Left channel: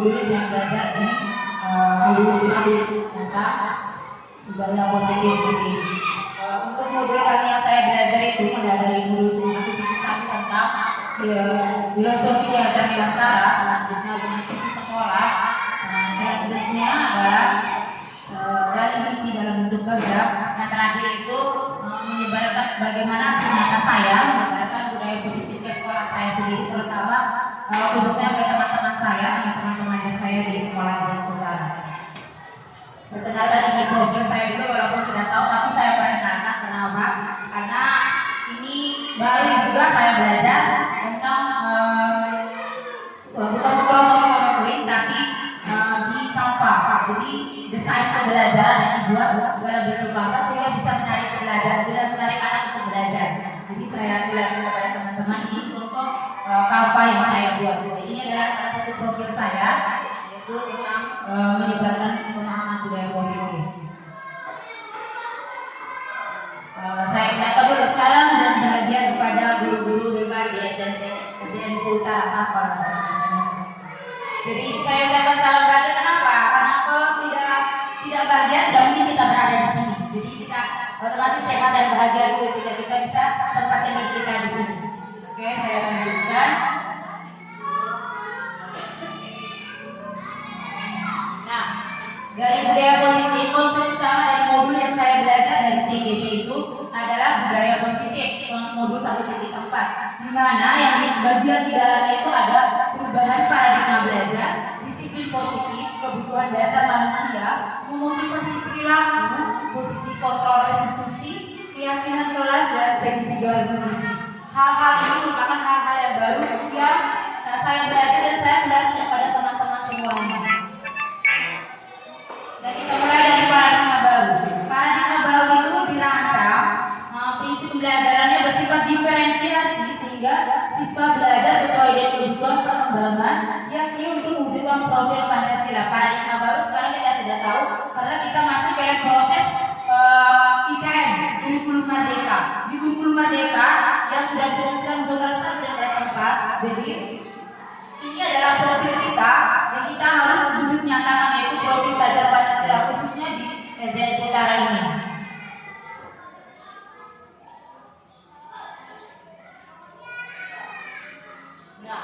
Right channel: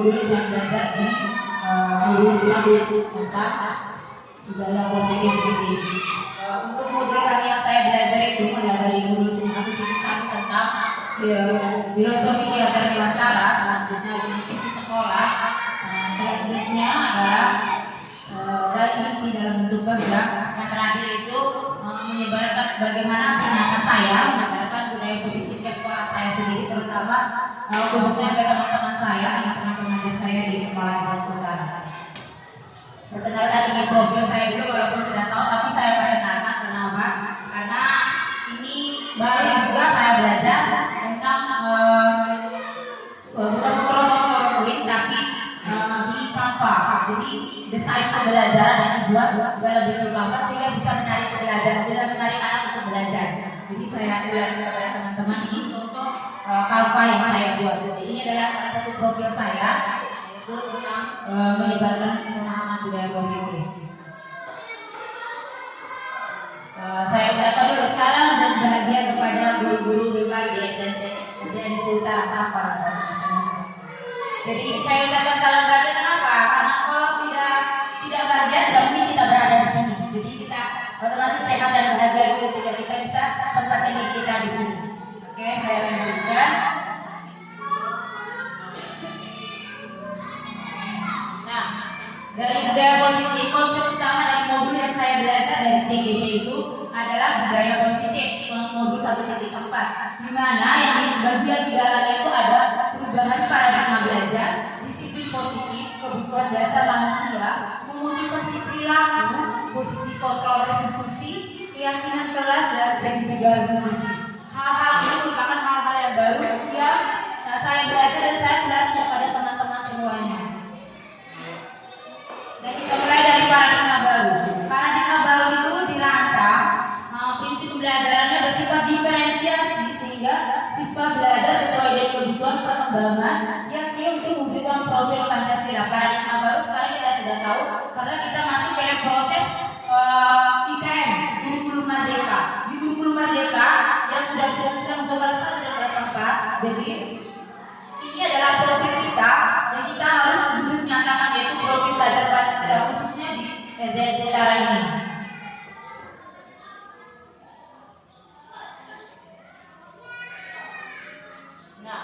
modul yang belajar di modul tentang budaya positif ini. Untuk modul kali yang saya belajar itu mulai dari modul 1.1 tentang filosofi diajar Nusantara, selanjutnya organisasi sekolah, selanjutnya adalah dari mimpi dalam bentuk kerja, yang terakhir itu menyebarkan bagaimana sinata saya menyebarkan budaya positif ke sekolah saya sendiri, terutama khususnya ke teman-teman saya, teman-teman saya di sekolah yang utara. Perkenalkan dengan profil saya dulu, walaupun sudah tahu, tapi saya perkenalkan. Kenapa? Karena ini baru juga saya belajar tentang bukan PowerPoint, tapi di Canva. Jadi desain pembelajaran yang dibuat juga lebih ke Canva sehingga bisa menarik belajar, tidak menarik anak untuk belajar. Jadi saya bilang kepada teman-teman ini untuk Canva yang saya buat. Ini adalah salah satu profil saya, yaitu tentang menyebarkan pemahaman budaya positif. Saya katakan dulu salam dan bahagia kepada guru-guru pribadi SDN Utara apa. Jadi saya katakan salam bahagia kenapa? Karena kalau tidak bahagia tidak mungkin kita berada di sini. Jadi kita otomatis sehat dan bahagia dulu sehingga kita bisa tempatkan diri kita di sini. Oke, saya lanjutkan. Nah, dari budaya positif, konsep utama dari modul yang saya belajar dari CGP itu adalah budaya positif, modul 1.4, di mana yang bagian di dalamnya itu ada perubahan paradigma belajar, disiplin positif, kebutuhan dasar manusia, memotivasi perilaku, posisi kontrol restitusi, keyakinan kelas, dan segitiga resolusi. Hal-hal ini merupakan hal-hal yang baru yang saya belajar dan saya belajar kepada teman-teman semuanya. Dan kita mulai dari paradigma baru. Paradigma baru itu dirancang prinsip pembelajarannya bersifat diferensiasi sehingga siswa belajar sesuai dengan kebutuhan perkembangan yakni untuk mewujudkan profil Pancasila. Paradigma baru sekarang kita sudah tahu karena kita masuk ke proses IKM, kurikulum merdeka. Di kurikulum merdeka yang sudah diteruskan untuk kelas 1 dan kelas 4. Jadi ini adalah profil kita yang kita harus wujud nyatakan, yaitu profil belajar Pancasila khususnya di SDN Utara ini. Nah,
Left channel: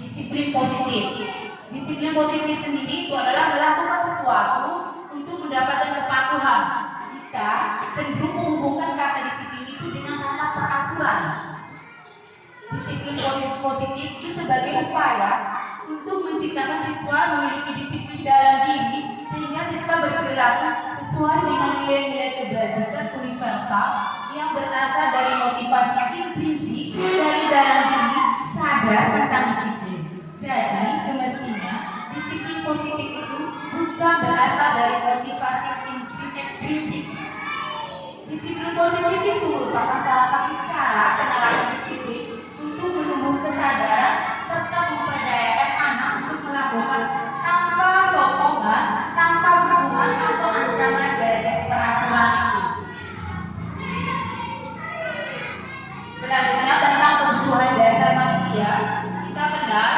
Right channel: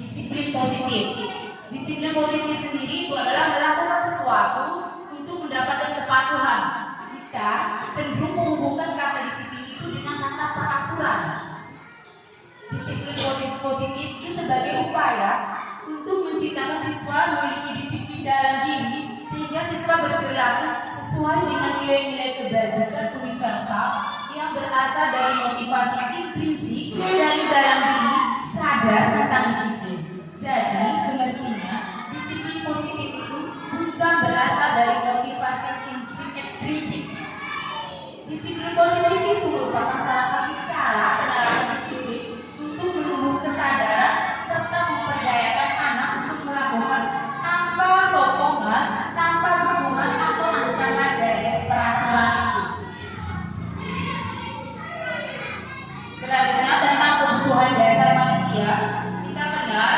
disiplin positif. Disiplin positif sendiri itu adalah melakukan sesuatu untuk mendapatkan kepatuhan. Kita cenderung menghubungkan kata disiplin itu dengan kata peraturan. Disiplin positif itu sebagai upaya untuk menciptakan siswa memiliki disiplin dalam diri sehingga siswa berperilaku sesuai dengan nilai-nilai kebajikan universal yang berasal dari motivasi intrinsik dari dalam diri sadar tentang disiplin. Jadi semestinya disiplin positif itu bukan berasal dari motivasi ekstrinsik. Disiplin positif itu merupakan salah satu cara penerapan disiplin untuk menumbuh kesadaran serta memperdayakan anak untuk melakukan tanpa sokongan, tanpa hukuman atau ancaman dari peraturan itu. Selanjutnya tentang kebutuhan dasar manusia, kita kenal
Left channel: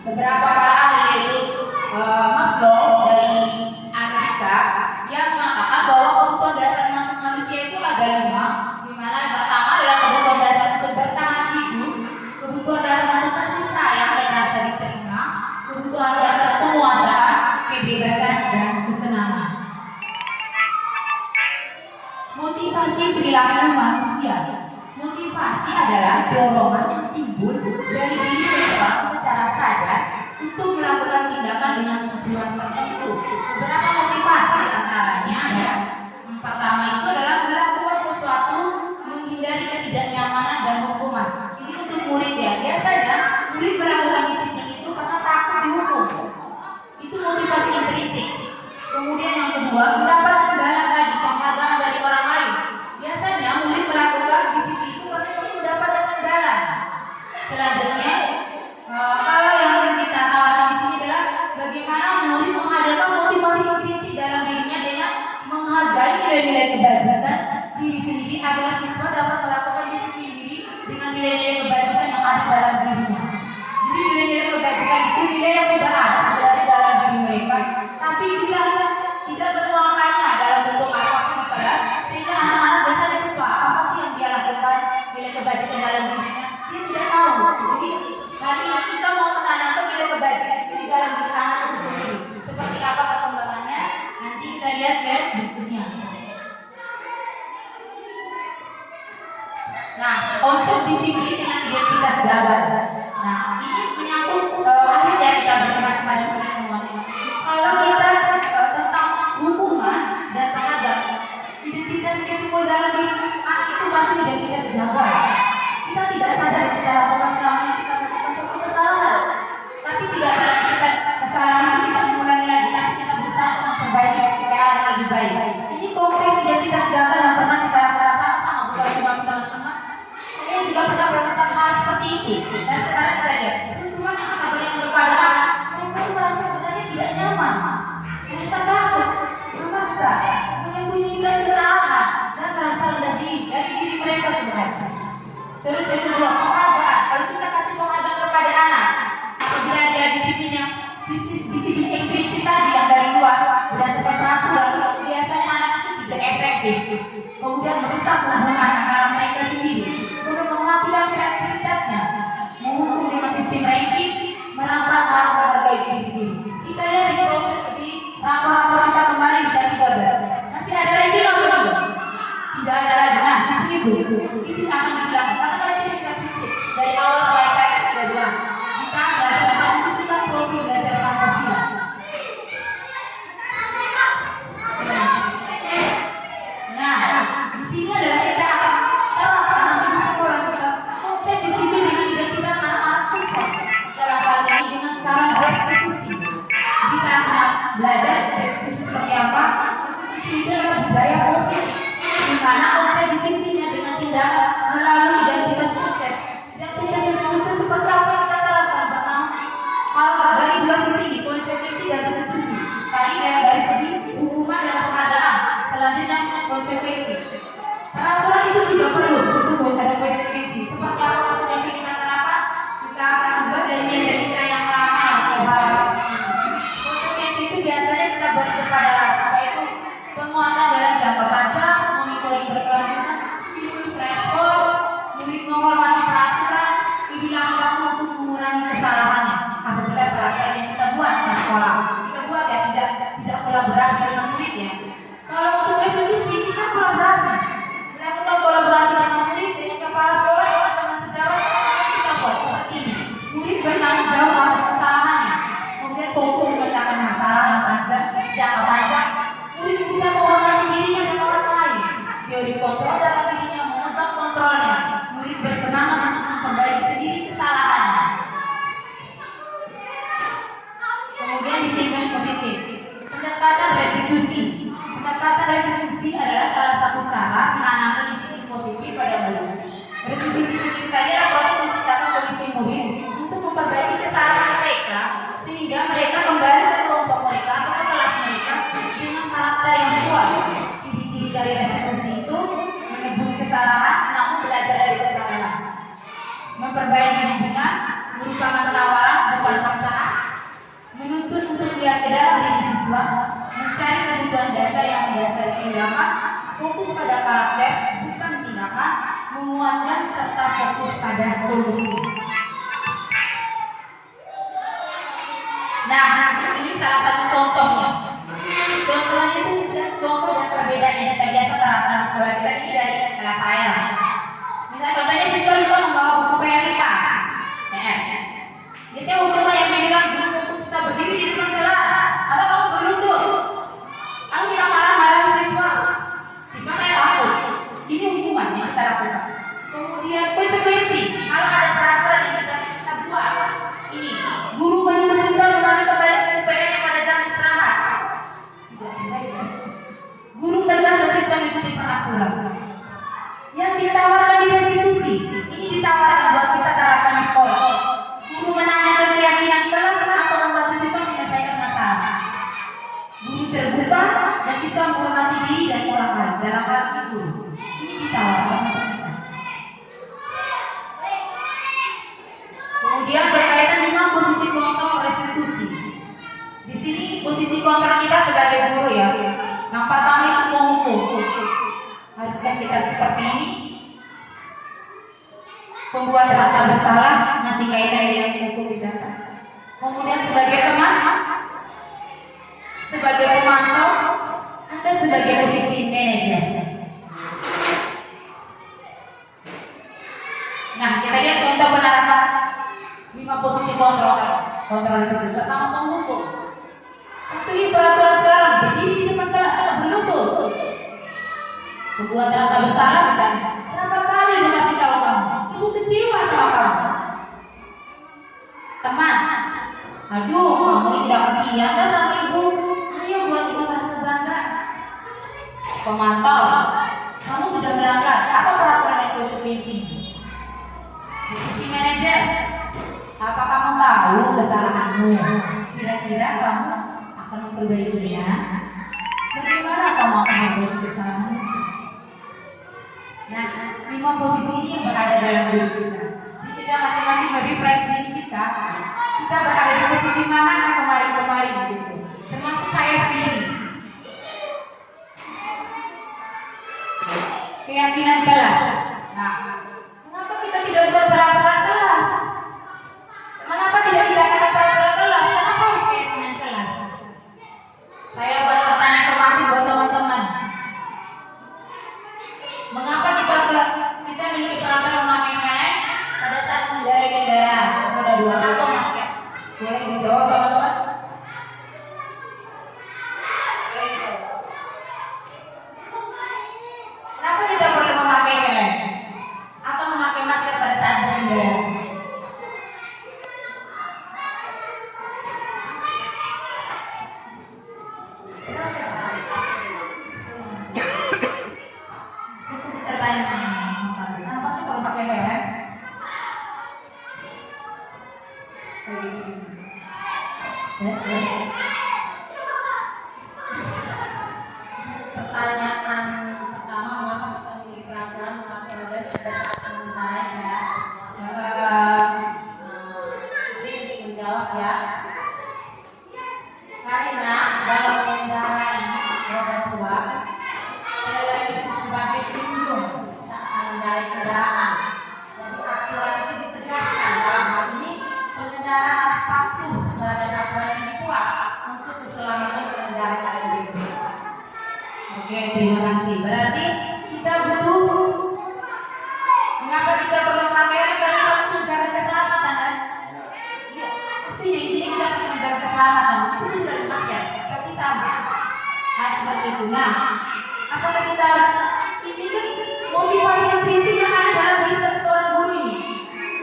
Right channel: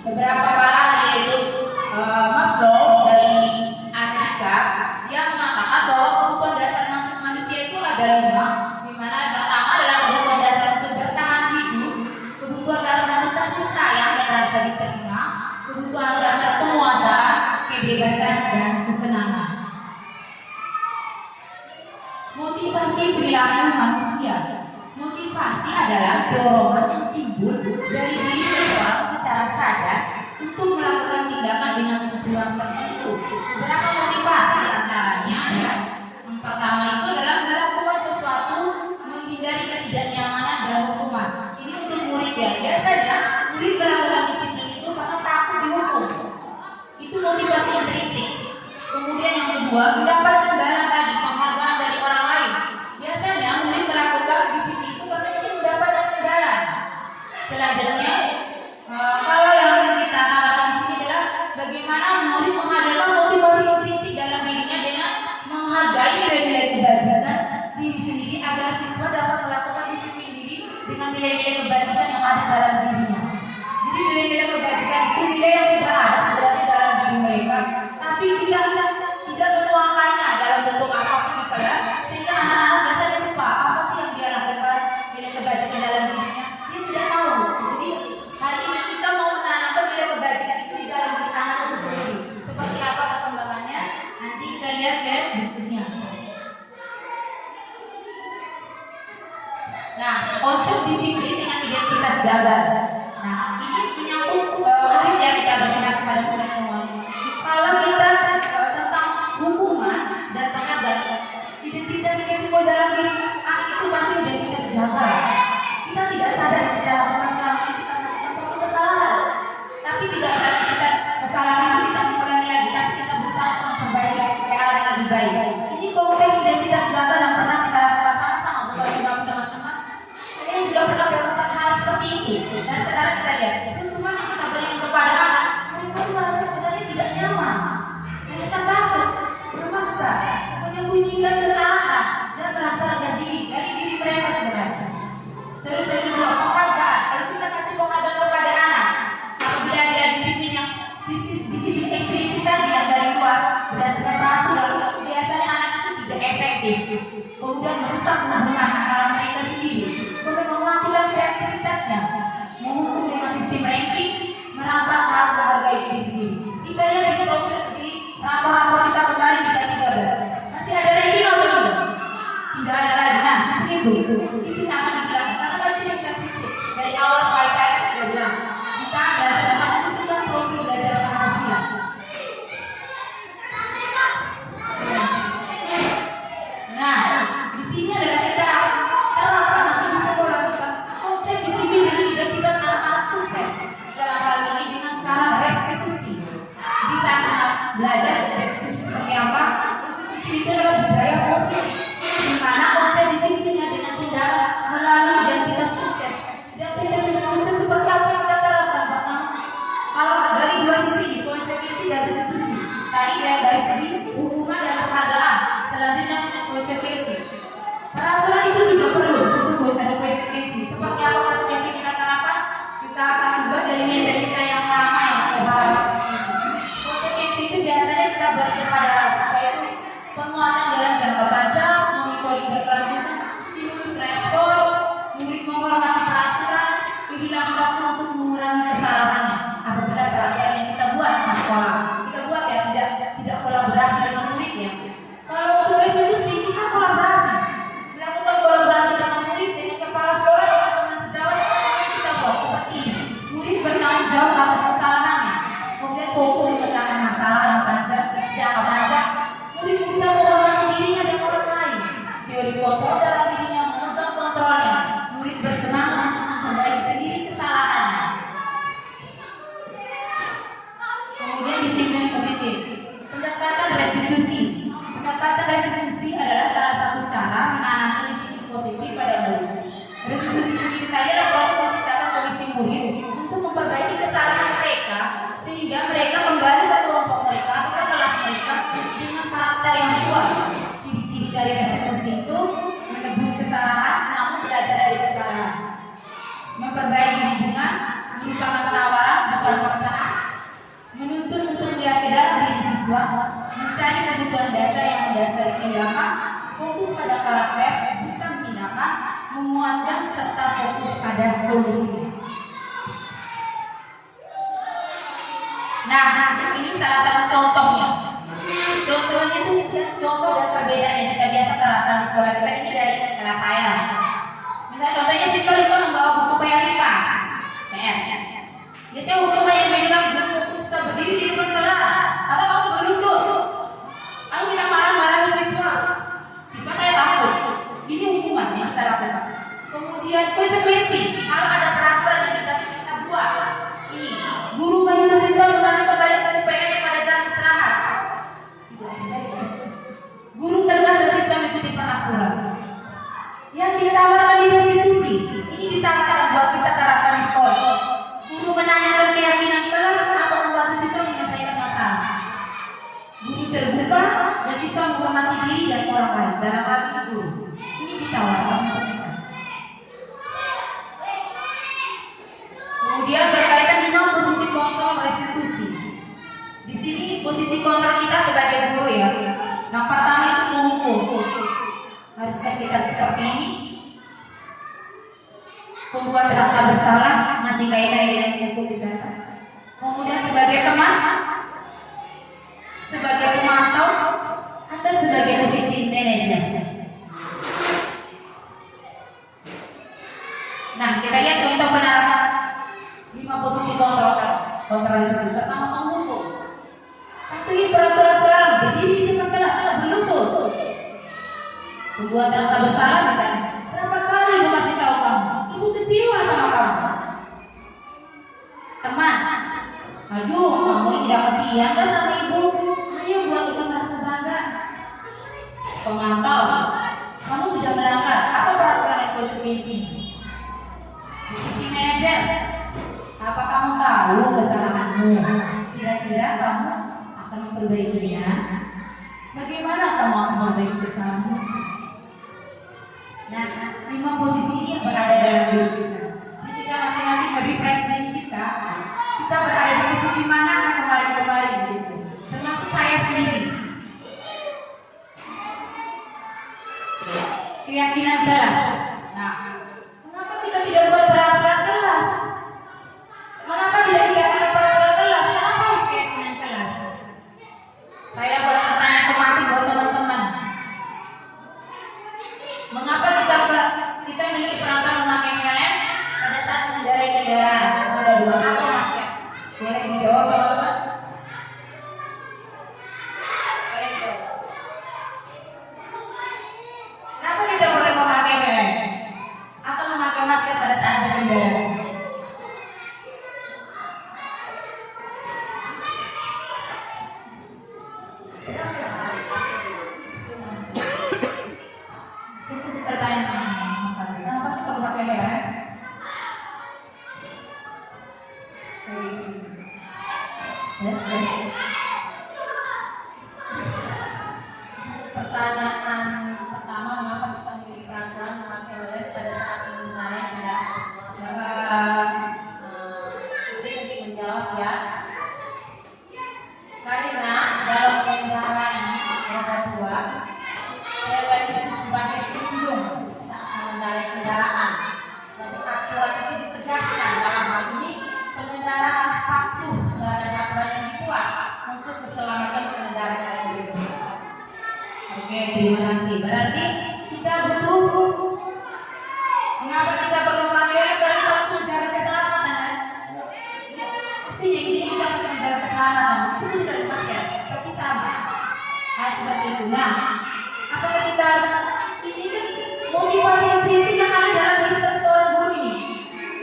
beberapa pakar yaitu Maslow dari Amerika yang mengatakan bahwa kebutuhan dasar manusia itu ada 5, di mana pertama adalah kebutuhan dasar untuk bertahan hidup, kebutuhan dasar untuk kasih sayang dan rasa diterima, kebutuhan dasar penguasaan, kebebasan dan kesenangan. Motivasi perilaku manusia. Motivasi adalah dorongan yang timbul dari diri seseorang secara sadar untuk melakukan tindakan dengan tujuan tertentu. Beberapa motivasi diantaranya ya. Pertama itu adalah melakukan sesuatu menghindari ketidaknyamanan dan hukuman. Ini untuk murid ya. Biasanya murid melakukan disiplin itu karena takut dihukum. Itu motivasi intrinsik. Kemudian yang kedua, mendapat imbalan tadi, penghargaan dari orang lain. Biasanya murid melakukan disiplin itu karena ingin mendapatkan imbalan. Selanjutnya, kalau yang kita tawarkan di sini adalah bagaimana murid menghadirkan motivasi intrinsik dalam dirinya dengan menghargai nilai-nilai kebajikan diri sendiri agar siswa dapat melakukan disiplin diri dengan nilai-nilai kebajikan yang ada dalam dirinya. Jadi nilai-nilai kebajikan itu nilai yang sudah ada Nah, konsep disiplin dengan identitas gagal. Nah, ini menyangkut menarik ya kita bertanya kepada semuanya. Kalau kita tentang hukuman dan pengadat, identitas yang timbul dalam diri anak itu pasti identitas gagal. Kita tidak sadar kita lakukan selama kita melakukan suatu kesalahan, tapi tidak berarti kita kesalahan itu kita mengulangi lagi, tapi kita berusaha memperbaiki supaya ada yang lebih baik. Ini kompleks identitas gagal yang pernah kita rasakan sama bukan cuma teman-teman. Saya juga pernah melakukan hal seperti itu, dan sekarang kita lihat hukuman yang kita berikan kepada anak, mereka itu merasa sebenarnya tidak nyaman, hanya takut, memaksa, menyembunyikan kesalahan dan merasa rendah diri dari diri mereka sebenarnya. Terus yang kedua, penghargaan. Kalau kita kasih penghargaan kepada anak, apabila dia disiplin eksplisit tadi yang dari luar berdasarkan peraturan, biasanya anak itu tidak efektif, kemudian merusak hubungan antara mereka sendiri, kemudian mematikan kreativitasnya, menghukum dengan sistem ranking, merampas harga diri sendiri. Kita lihat di profil seperti rapor-rapor kita kemarin di K13, masih ada ranking atau tidak? Tidak ada lagi. Nah, itu akan dihilangkan karena tadi kita fisik dari awal saya sudah bilang kita belajar menentukan profil belajar Pancasila. Nah, di sini adalah kita akan terapkan nanti di sekolah kita konsep disiplin dengan identitas anak-anak sukses dalam hal ini dengan cara restitusi. Di saat anak belajar restitusi seperti apa? Restitusi itu adalah budaya positif, di mana konsep disiplinnya dengan tindakan melalui identitas sukses. Identitas sukses seperti apa yang kita terapkan? Pertama, kalau dari dua sisi, konsekuensi dan restitusi. Tadi dari segi hukuman dan penghargaan. Selanjutnya konsekuensi. Peraturan itu juga perlu untuk ada konsekuensi. Seperti apa konsekuensi kita terapkan? Kita akan ubah dari media kita yang lama yang terbaru. Konsekuensi itu biasanya kita buat kepada apa itu penguatan dalam jangka panjang, mengikuti berkelanjutan, stimulus respon, murid menghormati peraturan, dibilang waktu untuk mengurangi kesalahannya. Apabila peraturan yang kita buat di sekolah, kita buat ya tidak kolaborasi dengan muridnya. Kalau untuk restitusi kita kolaborasi, melakukan kolaborasi dengan murid, dengan kepala sekolah, dengan teman sejawat, kita buat seperti ini. Murid bertanggung jawab atas kesalahannya, kemudian fokus memecahkan masalah yang panjang, jangka panjang. Murid bisa mengurangi dirinya dan orang lain. Teori kontrol dalam dirinya memegang kontrolnya. Murid bersemangat untuk memperbaiki sendiri kesalahannya. Kemudian disiplin positif. Pendekatan restitusi. Pendekatan restitusi adalah salah satu cara menanamkan disiplin positif pada murid. Restitusi itu adalah proses menciptakan kondisi murid untuk memperbaiki kesalahan mereka sehingga mereka kembali ke kelompok mereka atau ke kelas mereka dengan karakter yang kuat. Ciri-ciri dari restitusi itu menebus kesalahan namun belajar dari kesalahan, memperbaiki hubungan, merupakan tawaran bukan paksaan, menuntut untuk melihat ke dalam diri siswa, mencari kebutuhan dasar yang mendasari tindakan, fokus pada karakter bukan tindakan, menguatkan serta fokus pada solusi. Nah, ini salah satu contohnya. Contohnya itu contoh dan perbedaan yang kita biasa terapkan di sekolah kita ini dari kelas saya. Misalnya contohnya siswa lupa membawa buku prioritas PR. Biasanya hukum yang bilang belum bisa berdiri di depan kelas atau kamu berlutut. Kalau kita marah-marah siswa saya takut. Ini hukuman yang kita lakukan. Kemudian konsekuensi. Kalau ada peraturan yang kita buat, ini guru menyuruh siswa kembali ke PR pada jam istirahat. Guru tegas dan siswa mengikuti peraturan. Yang ditawarkan di restitusi, ini ditawarkan buat kita terapkan di sekolah. Guru menanyakan keyakinan kelas atau membantu siswa menyelesaikan masalah. Guru terbuka dan siswa menghormati diri dan orang lain dalam hal itu guru. Ini ditawarkan. Kemudian berkaitan dengan posisi kontrol restitusi. Di sini posisi kontrol kita sebagai guru ya. Yang pertama itu menghukum. Harusnya kita seperti ini. Pembuat rasa bersalah masih kaitan dengan hukum di atas. Kemudian sebagai teman, sebagai pemantau, Anda sebagai posisi manajer. posisi kontrol pertama menghukum. Tapi peraturan sekarang berdiri di depan kelas tidak berlutut. Membuat rasa bersalah kan? Berapa kali ibu kasih tahu kamu? Ibu kecewa sama kamu. Teman, aduh, kamu ini tidak kasihan kan sama ibu? Ayo buat ibu merasa bangga. Pemantau, kamu sudah melanggar apa peraturan yang konsekuensi? Posisi manajer, apa kamu tahu kesalahanmu? Kira-kira kamu akan memperbaikinya? Bagaimana kamu akan memperbaiki kesalahanmu? Nah, 5 posisi ini yang berada dalam diri kita. Jadi kita masing-masing merefresh diri kita. Kita berada di posisi mana kemarin-kemarin gitu. Termasuk saya sendiri. Keyakinan kelas. Nah, mengapa kita tidak buat peraturan kelas? Mengapa tidak dikatakan peraturan kelas? Kenapa harus keyakinan kelas? Saya buat pertanyaan kemarin buat teman-teman. Mengapa kita memiliki peraturan memakai helm pada saat mengendarai kendaraan? Ada 2 atau mas ya? Boleh dijawab teman-teman? Kenapa kita boleh memakai helm atau memakai masker pada saat berkendara? Kenapa sih kalau pakai helm? Pertanyaan pertama, mengapa kita memiliki peraturan memakai helm pada saat mengendarai ya? Saya ingin menjawab ya. Karena dalam kendaraan roda 2, helm itu sebagai pelindung saat mengendarai kendaraan. Jadi aturan itu ditegaskan dalam hal ini pengendara harus patuh terhadap aturan yang dibuat untuk keselamatan pengendara tersebut. Oke, terima kasih. Berarti kita butuh. Mengapa kita perlu memakai helm? Karena kita untuk menjaga keselamatan kan? Pasti jadi kita harus menjaga keselamatan. Itu tidak ada masker, pasti sama. Nah, seperti itu. Nah, apakah kita ini kan motivasi yang prinsip yang ada dalam diri seorang guru ini?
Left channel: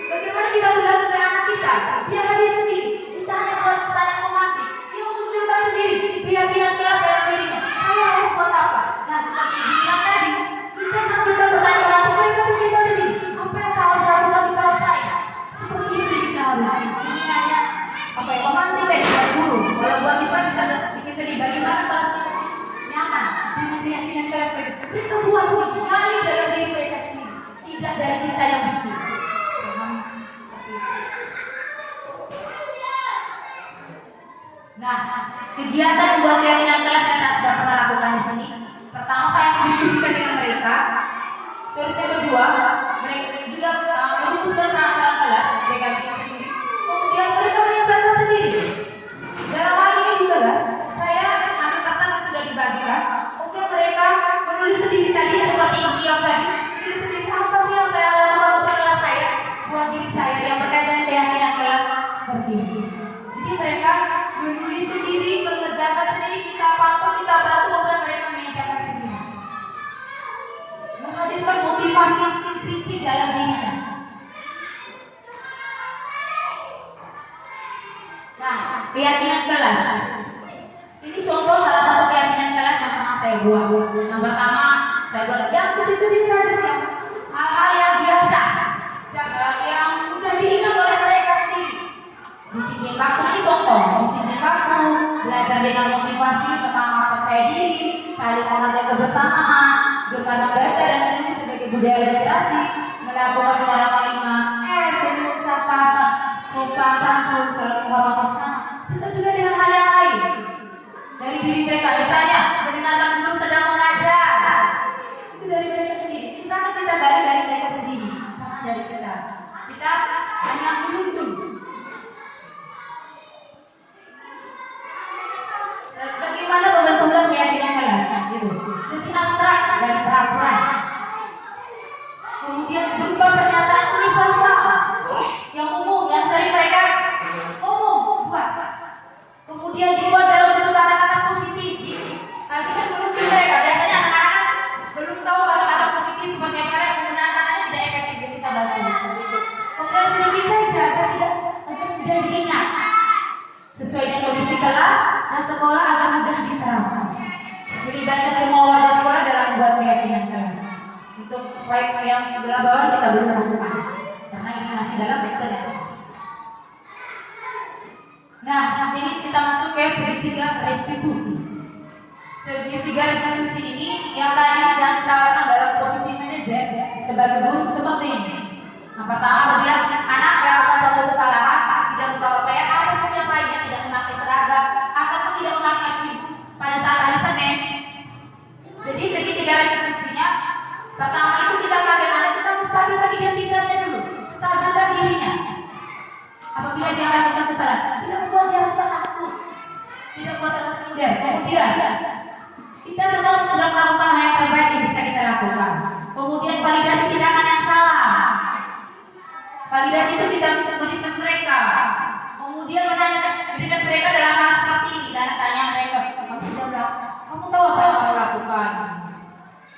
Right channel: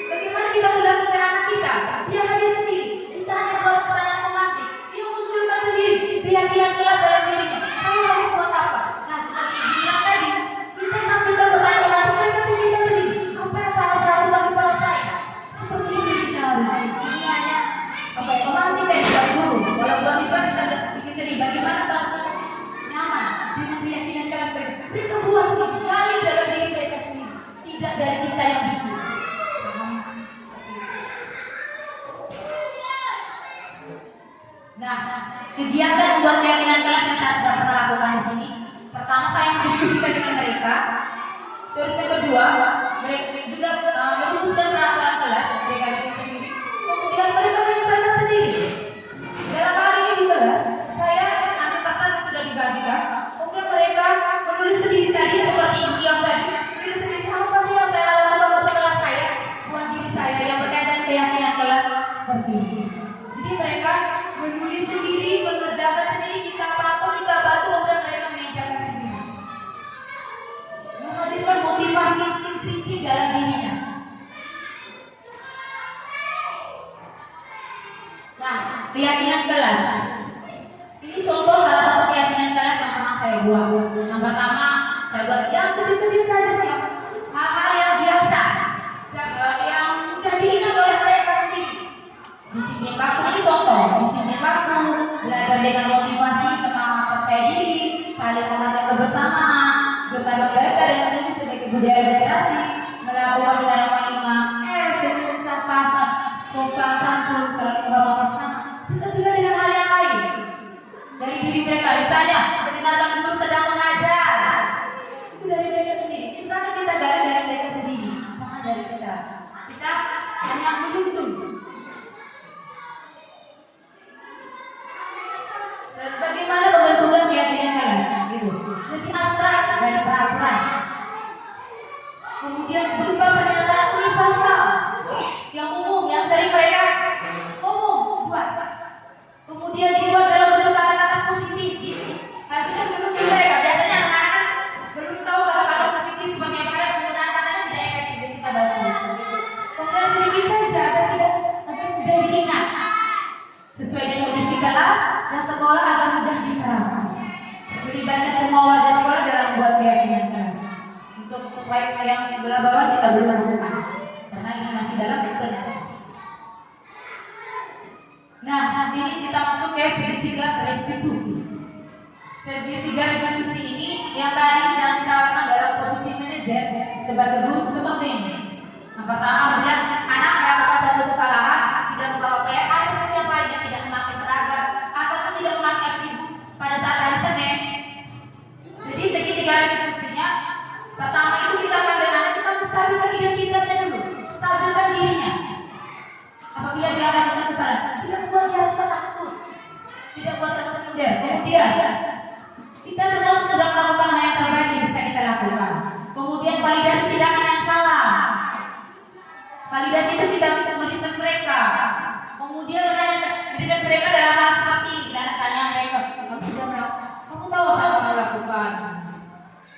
Bagaimana kita mendapat anak kita? Dia hadir sendiri. Kita hanya buat pertanyaan pemantik. Dia munculkan sendiri. Keyakinan kelas dalam dirinya. Saya harus buat apa? Nah, seperti dibilang tadi, kita mengambil pertanyaan pemantik. Mereka tinggal sendiri. Apa yang saya lakukan di kelas saya? Seperti itu kita harus. Ini hanya apa ya? Pemantik dan buat guru. Kalau buat siswa bisa bikin sendiri. Bagaimana kalau kita nyaman dengan keyakinan kelas mereka? Kita buat dari dalam diri mereka sendiri. Tidak dari kita yang bikin. Nah, kegiatan membuat keyakinan kelas yang saya sudah pernah lakukan di sini. Pertama, saya mendiskusikan dengan mereka. Terus yang kedua, mereka juga merumuskan peraturan kelas mereka sendiri. Kemudian mereka menyebarkan sendiri. Dalam hal ini juga saya ambil kertas yang sudah dibagikan. Kemudian mereka menulis sendiri tadi seperti yang tadi. Menulis sendiri apa sih yang saya lakukan untuk kelas saya, buat diri saya yang berkaitan keyakinan kelas seperti ini. Jadi mereka menulis sendiri, mengerjakan sendiri, kita pantau, kita bantu, kemudian mereka mengerjakan sendiri. Menghadirkan motivasi intrinsik dalam dirinya. Nah, keyakinan kelas. Ini contoh salah satu keyakinan kelas yang pernah saya buat. Yang pertama, saya buat yang kecil-kecil saja sih, hal-hal yang biasa, yang mudah diingat oleh mereka sendiri. Disiplin waktu ini contoh, disiplin waktu, belajar dengan motivasi, semangat percaya diri, saling menghargai kebersamaan, gemar membaca dan menulis sebagai budaya literasi, melakukan penanaman 5S, dengan sapa, sopan santun, selalu menghormati bersama. Bisa juga dengan hal yang lain. Dari diri mereka, misalnya mendengarkan guru sedang mengajar, itu dari mereka sendiri. Misalnya kita dari mereka sendiri, bukan dari kita. Kita hanya menuntun. Bagaimana pembentukan keyakinan kelas? Lebih abstrak dan peraturan. Kemudian berupa pernyataan universal yang umum yang sering mereka padaku. Kemudian sedikit saja agar mudah diingat. Sesuai dengan kondisi kelas dan sekolah akan mudah diterapkan. Melibatkan semua warga sekolah dalam membuat keyakinan kelas. Untuk slide yang sebelah bawah kita belum lakukan karena ini masih dalam implementasi. Nah, sini kita masuk ke segitiga restitusi. Segitiga restitusi ini yang tadi dan ditawarkan dalam posisi manajer sebagai guru seperti ini. Yang pertama, bila anak melakukan satu kesalahan, tidak membawa pakaian ataupun yang lainnya, tidak memakai seragam ataupun tidak memakai baju pada saat hari Senin. Jadi segitiga restitusinya, pertama itu kita panggil anak, kita menstabilkan identitasnya dulu, stabilkan dirinya. Apabila dia melakukan kesalahan, tidak membuat dia rasa takut, tidak buat rasa minder. Kemudian kita semua sudah melakukan hal yang terbaik yang bisa kita lakukan. Kemudian validasi tindakan yang salah. Validasi itu kita memberikan mereka. Kemudian memberikan mereka dalam hal seperti ini. Karena tanya mereka, kamu sudah melakukan, kamu tahu apa yang kamu lakukan?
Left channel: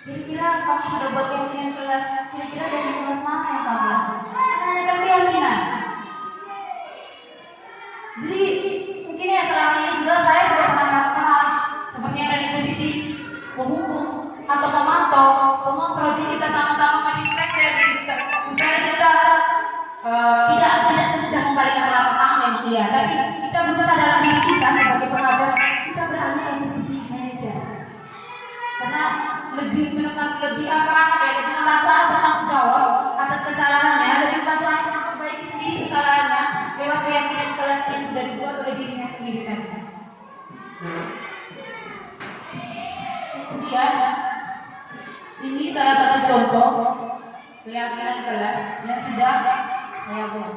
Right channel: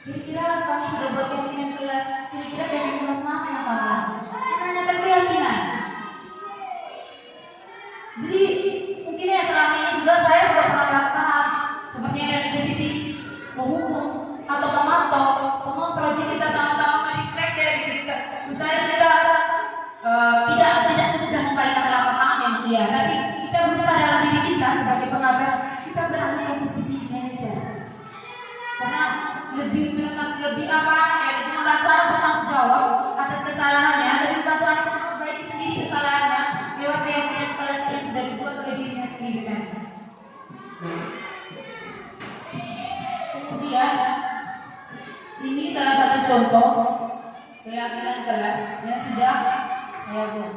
Kira-kira kamu sudah buat keyakinan kelas? Kira-kira dari kelas mana yang kamu lakukan? Kita hanya keyakinan. Jadi mungkin ya selama ini juga saya sudah pernah melakukan hal seperti yang dari posisi menghukum atau memantau, mengontrol. Jadi kita sama-sama menginfeksi dari kita. Misalnya kita tidak semudah membalikan telapak tangan memang iya, tapi kita berusaha dalam diri kita sebagai pengajar kita beralih ke posisi manajer. Karena lebih apa ya, lebih membantu anak bertanggung jawab atas kesalahannya, lebih membantu anak memperbaiki sendiri kesalahannya lewat keyakinan kelas yang sudah dibuat oleh dirinya sendiri kan. Kemudian ini salah satu contoh keyakinan kelas yang sudah saya buat.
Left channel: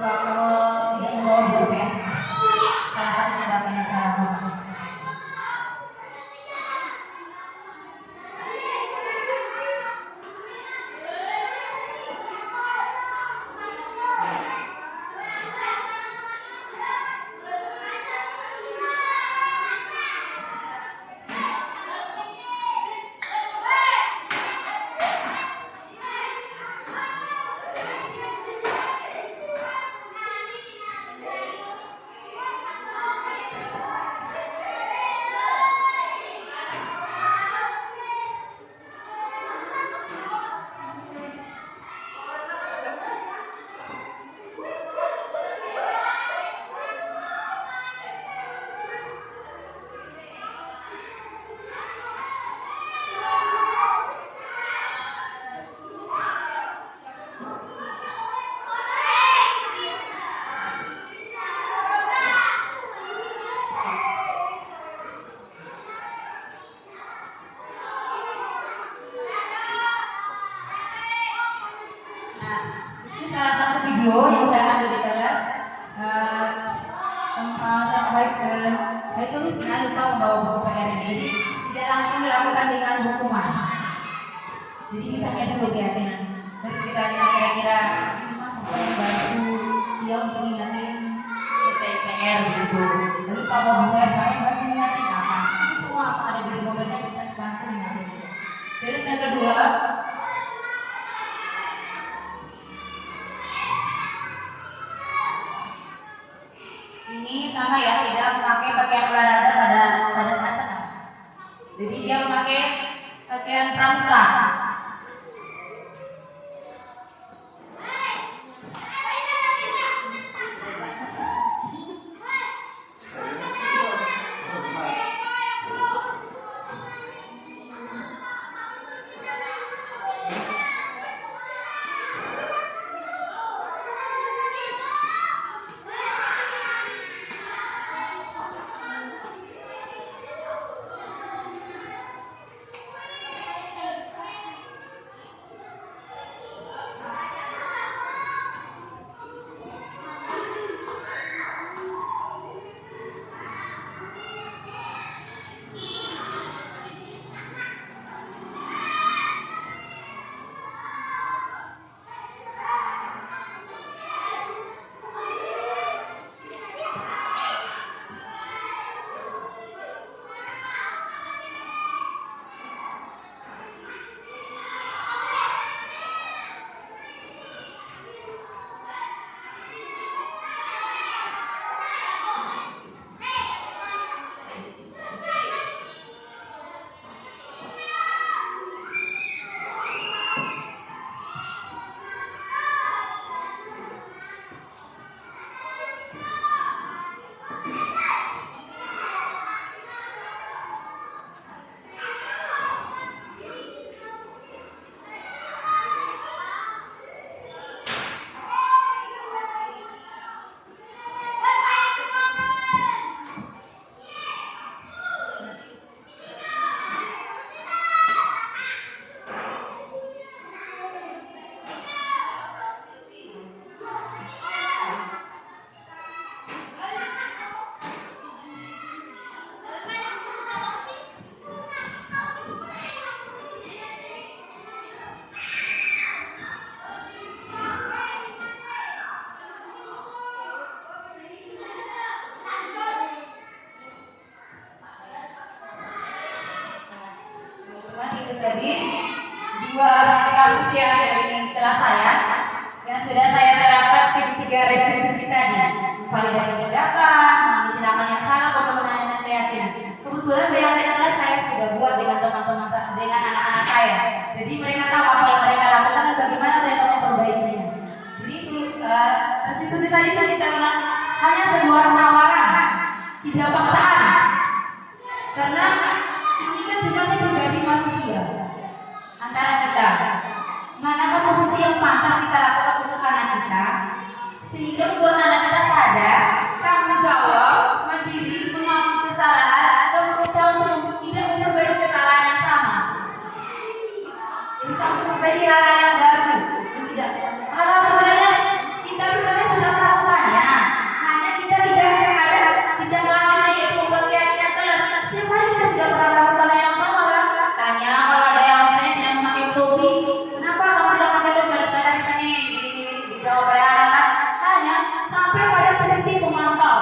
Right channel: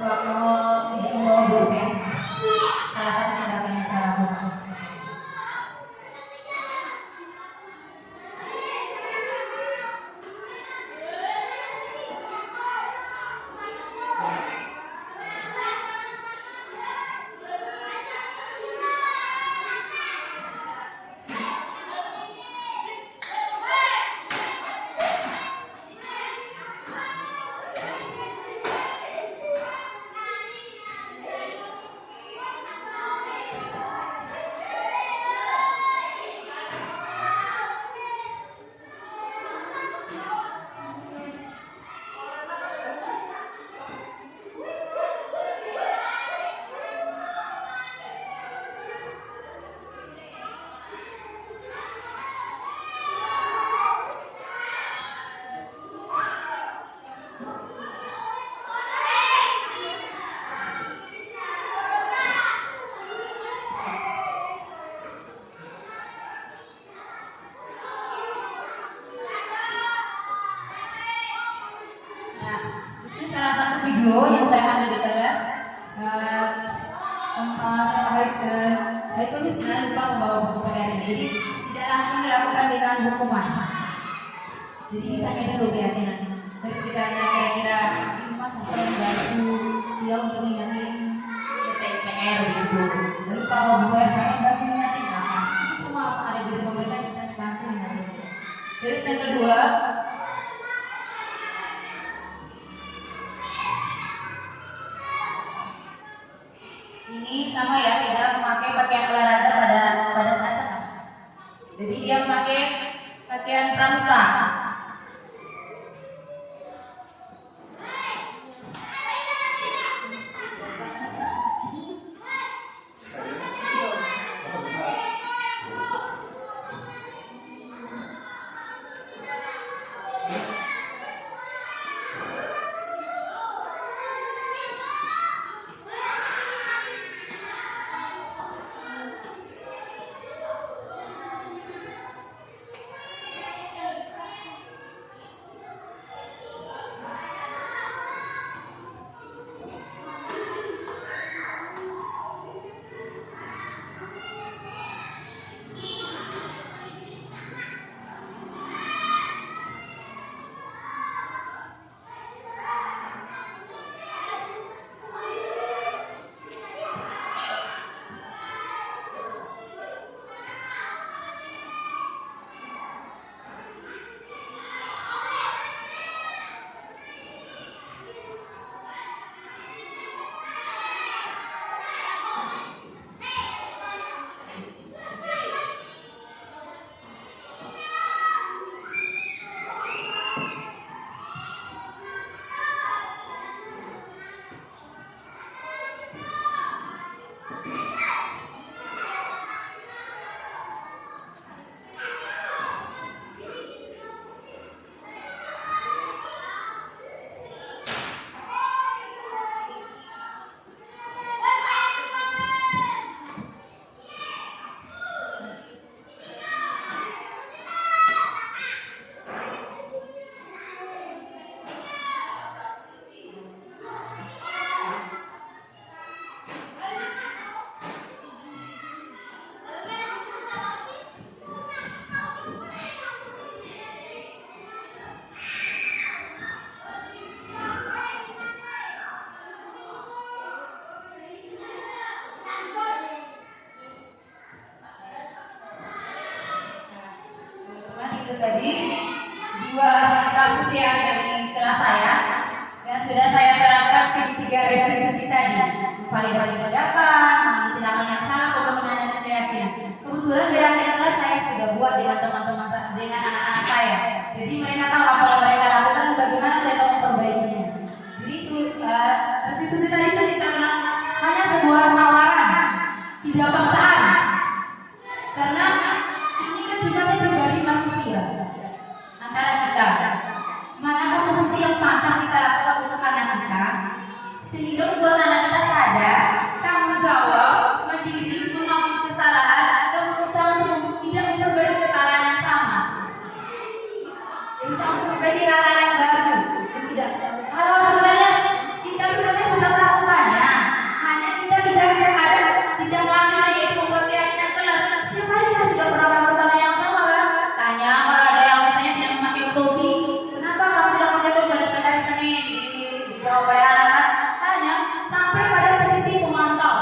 Kalau tidak membawa pulpen, salah satu tindakan yang saya lakukan. Salah satu video yang saya ambil di kelas saya tulisnya lupa membawa buku PR ini, jadi tidak langsung dilakukan dengan hukuman. Jadi ditanya dulu keyakinan, terus ditanya kira-kira ini mas apa yang bantu dia untuk mengingatin PR gitu. Lalu bawa buku PR saya bantu mengingatin apa? Itu semua apa ada di bukunya bisa dibantu mengingatin. Terus yang kedua, ini sama ya, tidak memakai pakaian olahraga pada saat sekarang. Jadi dia memakai pakaian pramuka. tadi dua kasus yang dari kelas saya yang sudah saya terapkan segitiga restitusi tadi, validasi tindakan, mengambil tindakan yang salah, pemenuhan yang yakin. Kebetulan keyakinan kelas saya sudah buat dengan teman-teman dengan anak-anak saya. Jadi mereka tahu apa yang mereka lakukan dan bagaimana mereka memperbaikinya. Jadi itu restitusi tadi itu kita bilang hanya sebuah tawaran, tidak paksaan. Karena ini kan sifatnya pribadi manusia antara kita. Manakah posisi yang pantas kita lakukan untuk anak kita sehingga membuat anak kita sadar tanggung jawab, mandiri, mengakui kesalahan dan berusaha untuk tidak memperbaiki kesalahan yang sama. Berusaha memperbaiki hal yang baru dan tidak hal sebenarnya kita sebenarnya sudah melakukannya. Hanya kita tidak melakukan yaitu membuat keyakinan kelas. Setiap hari kita sudah pernah melakukan hal yang sama kan? Tanya kalau ada yang misalnya tidak memakai topi, kenapa kamu tidak memakai topi? Harus ada di sini dijawab oleh anak-anak. Hanya sampai pada posisi pemantau,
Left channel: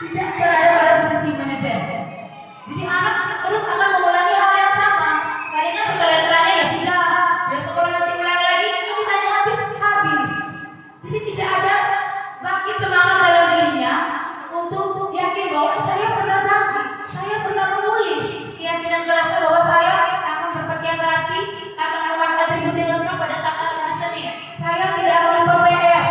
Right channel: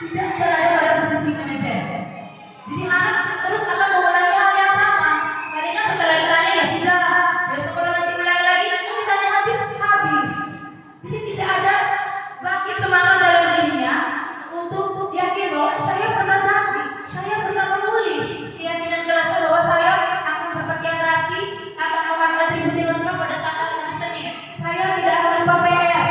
tidak berada pada posisi manajer. Jadi anak terus akan mengulangi hal yang sama. Karena setelah ditanya ya sudah, besok kalau nanti ulangi lagi, itu ditanya habis. Jadi tidak ada bangkit semangat dalam dirinya untuk yakin bahwa saya pernah janji, saya pernah menulis keyakinan kelas bahwa saya akan berpakaian rapi, akan memakai atribut yang lengkap pada saat hari Senin. Saya tidak akan lupa PR.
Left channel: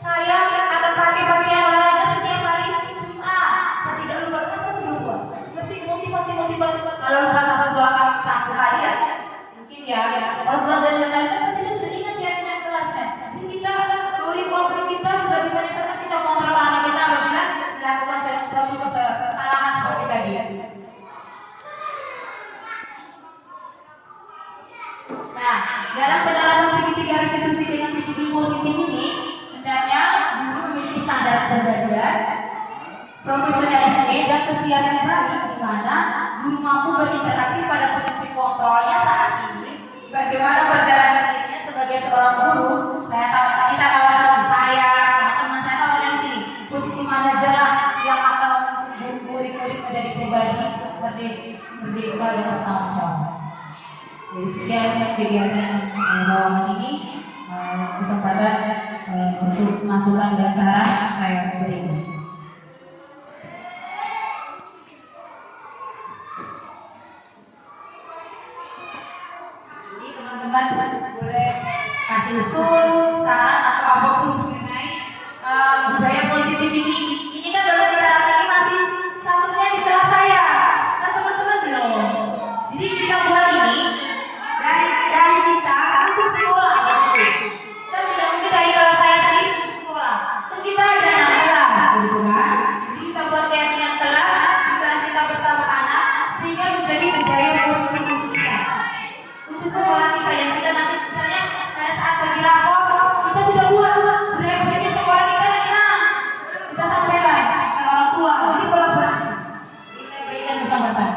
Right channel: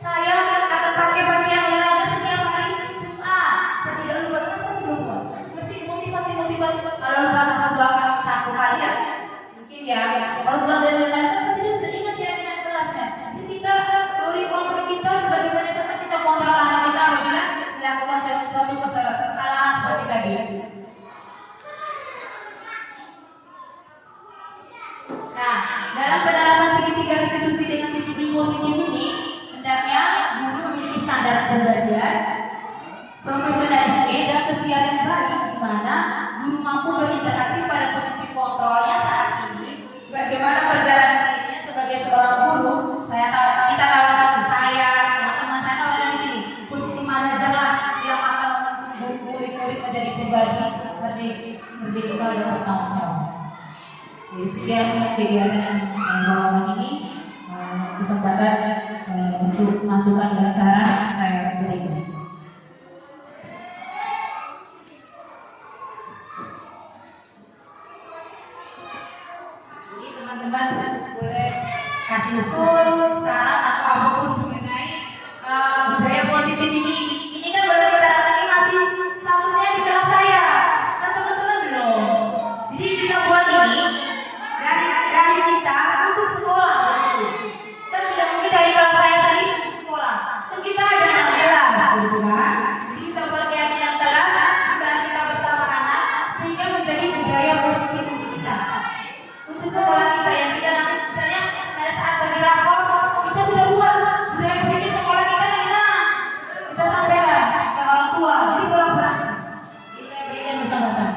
Saya akan pakai pakaian olahraga setiap hari Jumat. Saya tidak lupa, saya sudah lupa. Motivasi. Kalau lupa satu kali ya, mungkin ya. Kalau buat dari lain kan pasti dia sudah ingat keyakinan kelasnya. Jadi kita beri kontrol kita sebagaimana kita kontrol anak kita apabila dilakukan suatu kesalahan seperti tadi. Nah, dalam penerapan segitiga restitusi dengan disiplin positif ini, hendaknya guru memiliki standar kepribadian, profesionalisme dan sosial yang baik, di mana guru mampu berinteraksi pada posisi kontrolnya saat ini. Bagaimana perjalanan dirinya sebagai seorang guru? Kita kawasi saya, teman-teman saya tahu dari sini. Posisi mana jalan yang akan murid-murid menjadi pribadi berdikari dan bertanggung jawab. Sekian kegiatan bawaan ini kesempatan untuk masukan dan saran saya berikan. Jadi teman-teman boleh kasih usul, saran atau apapun mengenai budaya positif ini. Ini kan baru kita ini masih statusnya di kelas saya, kan teman-teman belum. Jadi kita buat ini dari kita untuk sekolah. Kan tidak mungkin dari kelas saya tadi untuk sekolah. Kan kita ada 16 gitu kan. Jadi kita buat keyakinan kelas di kelas kita bersama anak sehingga menjadi budaya positif untuk kita. Untuk sekolah kita yang kita nanti misalnya pada saat bagi rapor kita sudah buat budaya positif sekolah kita yang mana kita sampaikan ke orang tua. Jadi kolaborasi. Jadi saya berikan kesempatan.